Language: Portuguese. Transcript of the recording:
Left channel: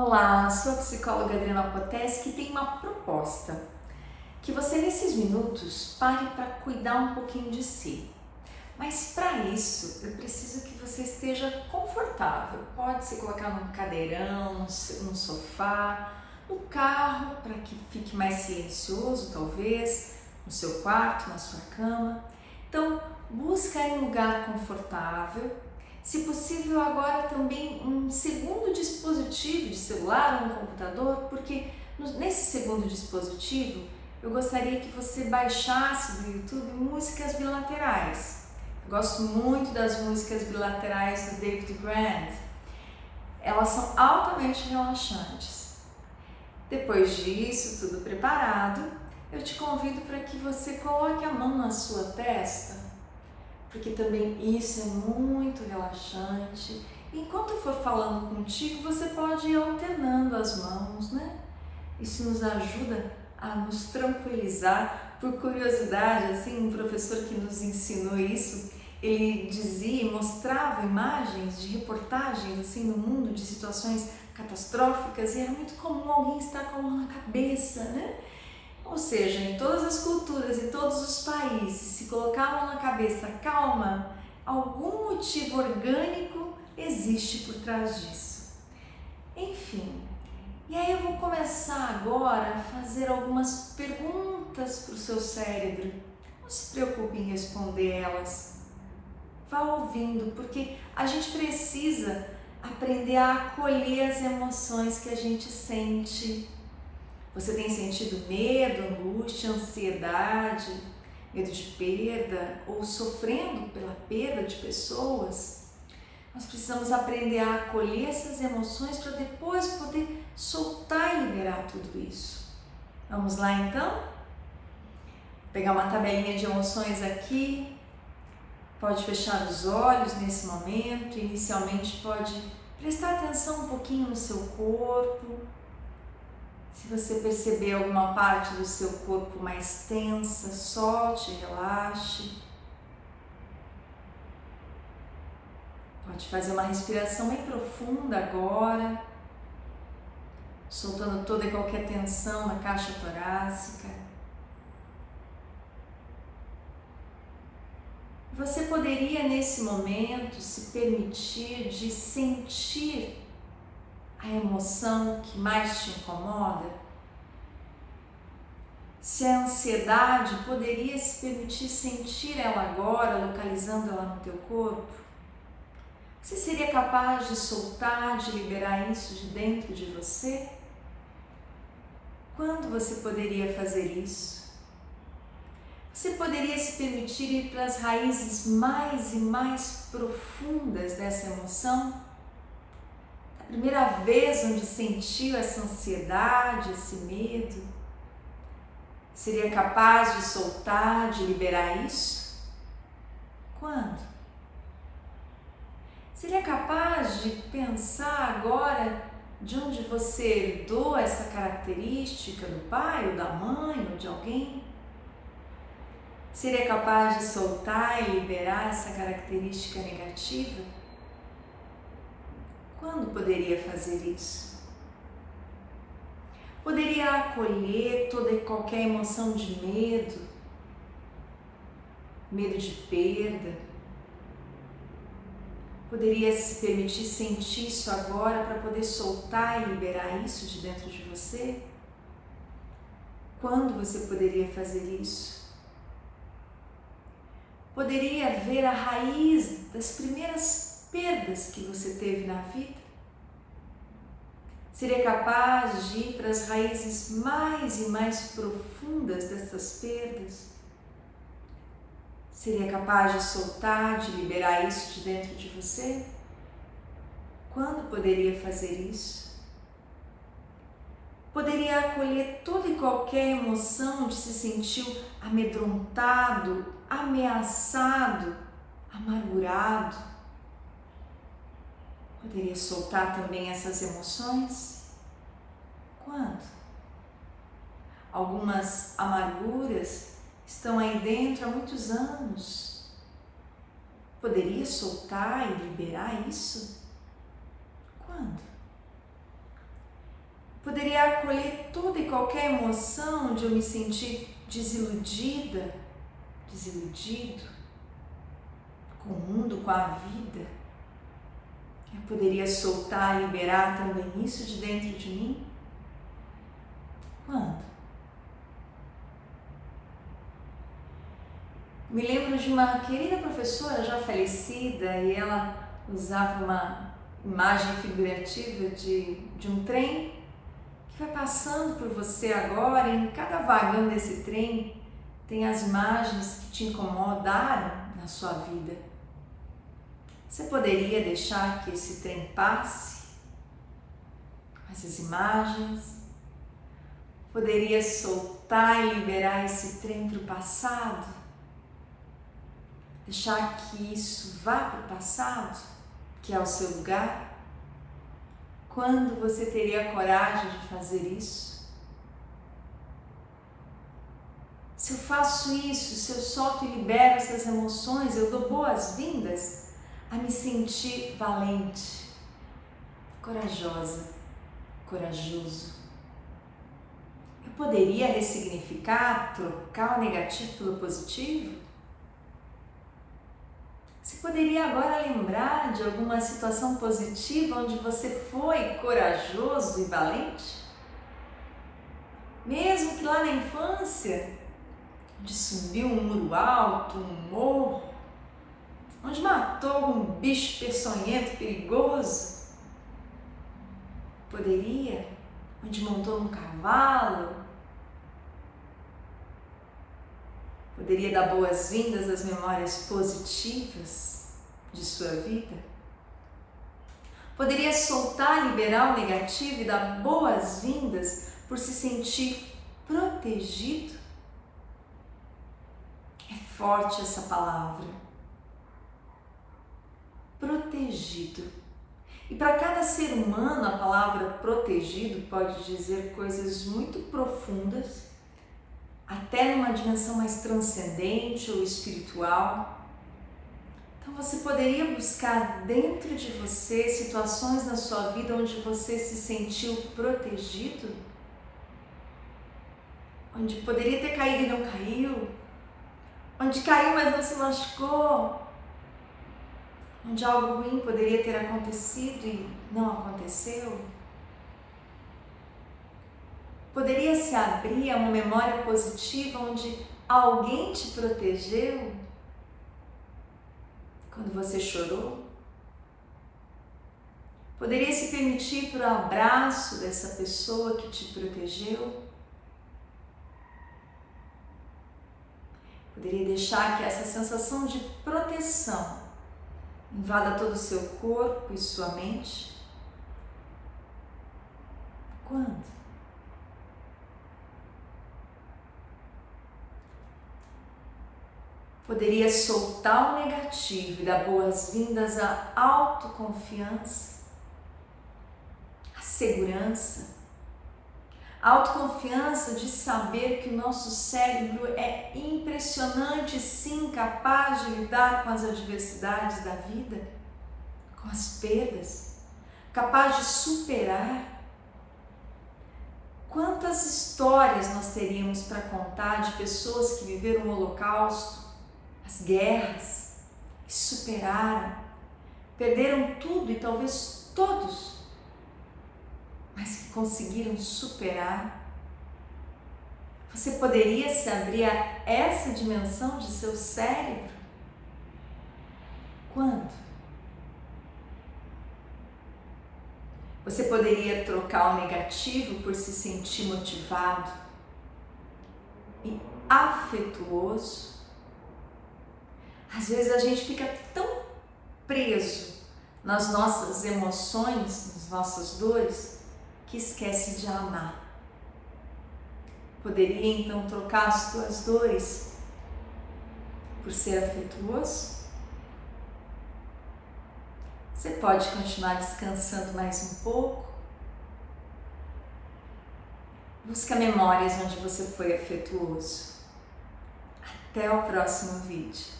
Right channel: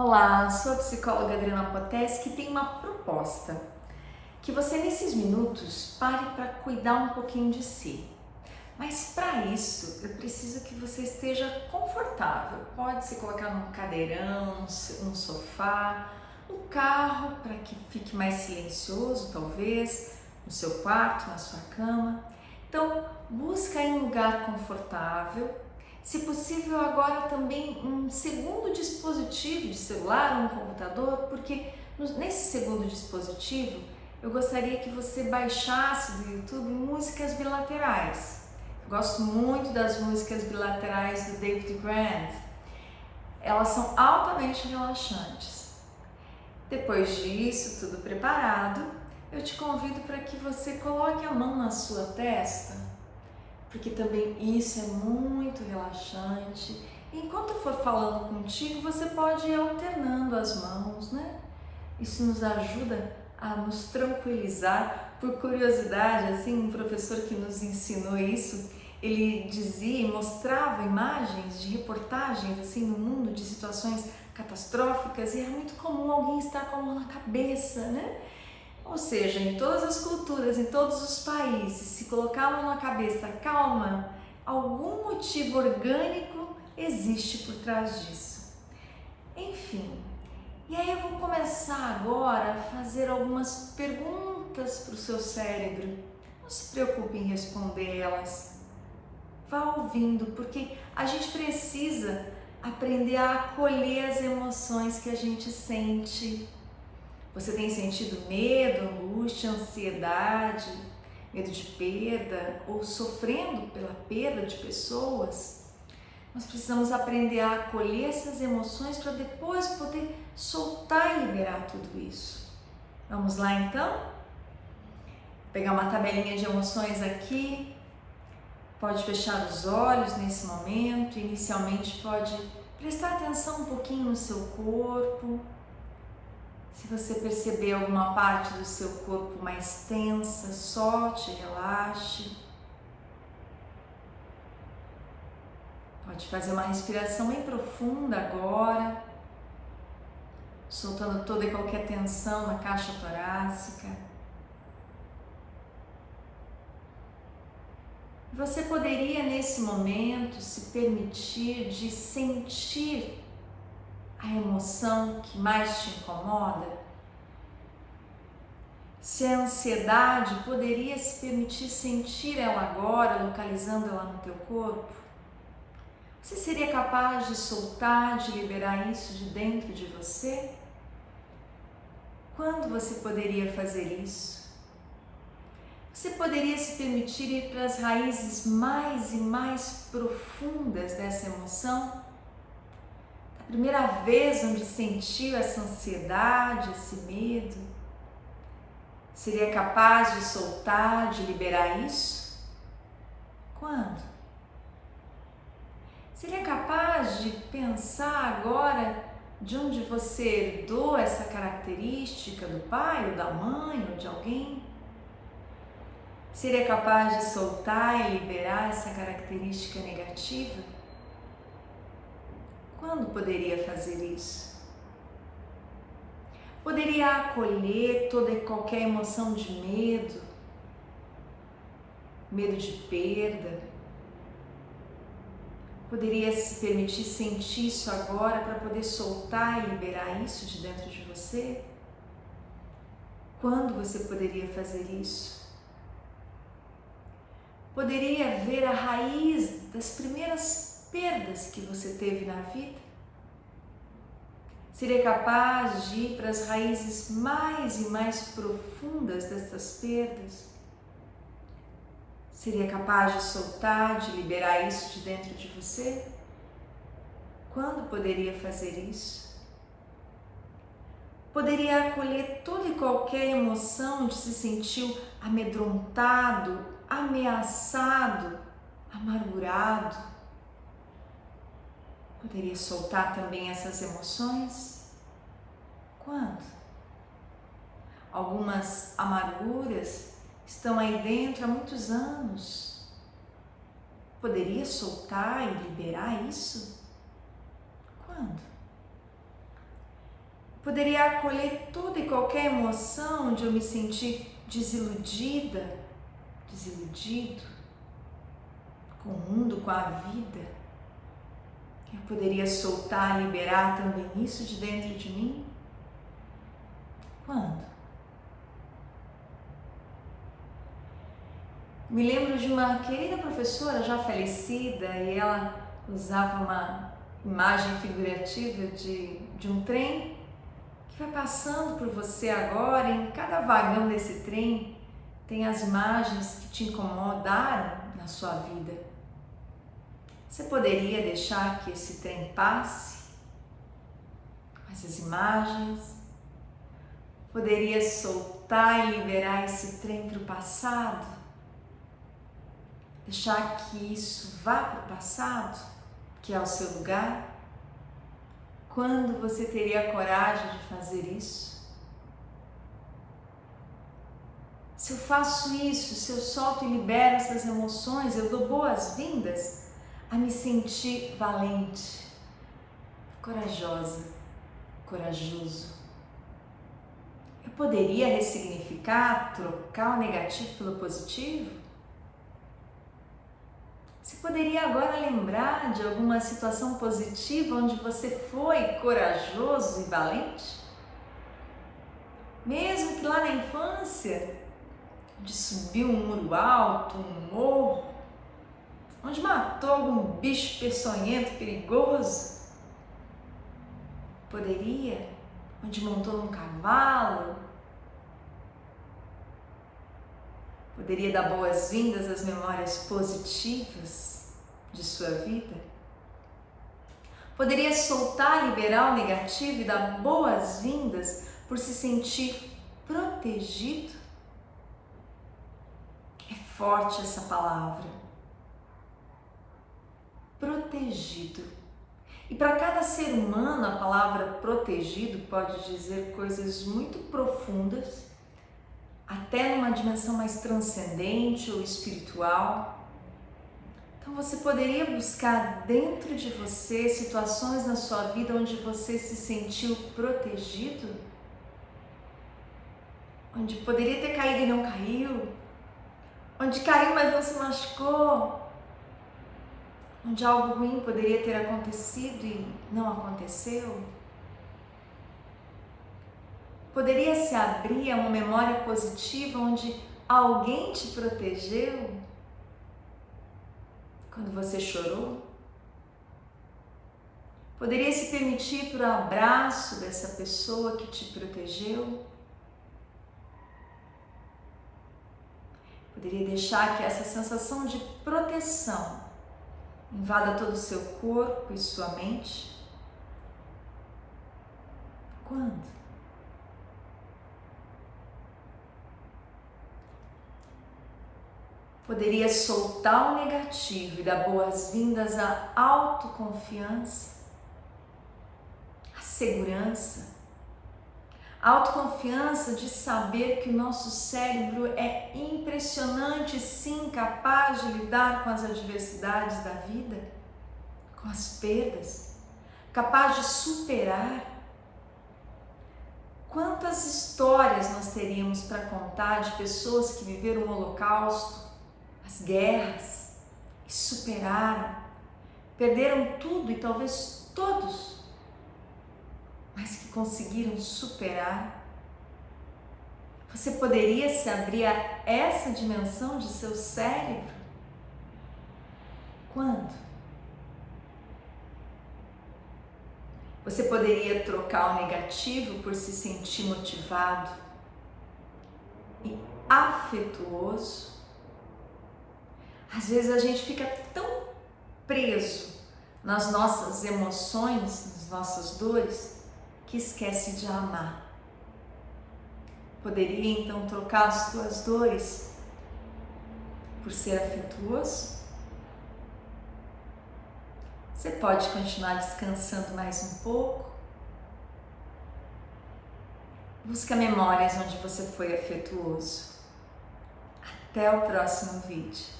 Olá, sou a psicóloga Adriana Poteschi, que tem uma proposta. Que você nesses minutos pare para cuidar um pouquinho de si. Mas para isso, eu preciso que você esteja confortável. Pode se colocar num cadeirão, num sofá, no carro, para que fique mais silencioso, talvez, no seu quarto, na sua cama. Então, busca aí um lugar confortável. Se possível, agora também um segundo dispositivo de celular ou um computador, porque nesse segundo dispositivo eu gostaria que você baixasse do YouTube músicas bilaterais. Eu gosto muito das músicas bilaterais do David Grant. Elas são altamente relaxantes. Depois disso, tudo preparado, eu te convido para que você coloque a mão na sua testa, porque também isso é muito relaxante. Enquanto eu for falando contigo, você pode ir alternando as mãos, né? Isso nos ajuda a nos tranquilizar. Por curiosidade, assim, um professor que nos ensinou isso, ele dizia e mostrava imagens de reportagens assim no mundo de situações catastróficas e era muito comum alguém estar com a mão na cabeça, né? Ou seja, em todas as culturas, em todos os países, se colocar a mão na cabeça, calma, algum motivo orgânico existe por trás disso. Enfim, e aí eu vou começar agora a fazer algumas perguntas para o seu cérebro. Não se preocupe em responder elas. Vá ouvindo, porque a gente precisa aprender a acolher as emoções que a gente sente. Você tem sentido medo, angústia, ansiedade, medo de perda ou sofrendo pela perda de pessoas? Nós precisamos aprender a acolher essas emoções para depois poder soltar e liberar tudo isso. Vamos lá então? Vou pegar uma tabelinha de emoções aqui. Pode fechar os olhos nesse momento. Inicialmente pode prestar atenção um pouquinho no seu corpo. Se você perceber alguma parte do seu corpo mais tensa, solte, relaxe. Pode fazer uma respiração bem profunda agora, soltando toda e qualquer tensão na caixa torácica. Você poderia nesse momento se permitir de sentir a emoção que mais te incomoda? Se a ansiedade, poderia se permitir sentir ela agora, localizando ela no teu corpo? Você seria capaz de soltar, de liberar isso de dentro de você? Quando você poderia fazer isso? Você poderia se permitir ir para as raízes mais e mais profundas dessa emoção? A primeira vez onde sentiu essa ansiedade, esse medo, seria capaz de soltar, de liberar isso? Quando? Seria capaz de pensar agora de onde você herdou essa característica do pai ou da mãe ou de alguém? Seria capaz de soltar e liberar essa característica negativa? Quando poderia fazer isso? Poderia acolher toda e qualquer emoção de medo, medo de perda. Poderia se permitir sentir isso agora para poder soltar e liberar isso de dentro de você? Quando você poderia fazer isso? Poderia ver a raiz das primeiras perdas que você teve na vida? Seria capaz de ir para as raízes mais e mais profundas dessas perdas? Seria capaz de soltar, de liberar isso de dentro de você? Quando poderia fazer isso? Poderia acolher toda e qualquer emoção de se sentir amedrontado, ameaçado, amargurado? Poderia soltar também essas emoções? Quando? Algumas amarguras estão aí dentro há muitos anos. Poderia soltar e liberar isso? Quando? poderia acolher toda e qualquer emoção onde eu me senti desiludida, desiludido com o mundo, com a vida. Eu poderia soltar, liberar também isso de dentro de mim? Quando? Me lembro de uma querida professora já falecida e ela usava uma imagem figurativa de um trem que vai passando por você agora. Em cada vagão desse trem tem as imagens que te incomodaram na sua vida. Você poderia deixar que esse trem passe com essas imagens? Poderia soltar e liberar esse trem para o passado? Deixar que isso vá para o passado, que é o seu lugar? Quando você teria coragem de fazer isso? Se eu faço isso, se eu solto e libero essas emoções, eu dou boas-vindas a me sentir valente, corajosa, corajoso. Eu poderia ressignificar, trocar o negativo pelo positivo? Você poderia agora lembrar de alguma situação positiva onde você foi corajoso e valente? Mesmo que lá na infância, onde subiu um muro alto, um morro, onde matou algum bicho peçonhento, perigoso? Poderia? Onde montou num cavalo? Poderia dar boas-vindas às memórias positivas de sua vida? Poderia soltar, liberar o negativo e dar boas-vindas por se sentir protegido? É forte essa palavra. Protegido. E para cada ser humano, a palavra protegido pode dizer coisas muito profundas, até numa dimensão mais transcendente ou espiritual. Então você poderia buscar dentro de você situações na sua vida onde você se sentiu protegido, onde poderia ter caído e não caiu, onde caiu mas não se machucou, onde algo ruim poderia ter acontecido e não aconteceu. Poderia se abrir a uma memória positiva onde alguém te protegeu quando você chorou? Poderia se permitir para o abraço dessa pessoa que te protegeu? Poderia deixar que essa sensação de proteção invada todo o seu corpo e sua mente? Quando? Poderia soltar o negativo e dar boas-vindas à autoconfiança, à segurança, a autoconfiança de saber que o nosso cérebro é impressionante, sim, capaz de lidar com as adversidades da vida, com as perdas, capaz de superar. Quantas histórias nós teríamos para contar de pessoas que viveram o Holocausto, as guerras, e superaram, perderam tudo e talvez todos, mas que conseguiram superar. Você poderia se abrir a essa dimensão de seu cérebro? Quando? Você poderia trocar o negativo por se sentir motivado e afetuoso? Às vezes a gente fica tão preso nas nossas emoções, nas nossas dores, que esquece de amar. Poderia então trocar as tuas dores por ser afetuoso? Você pode continuar descansando mais um pouco. Busca memórias onde você foi afetuoso. Até o próximo vídeo.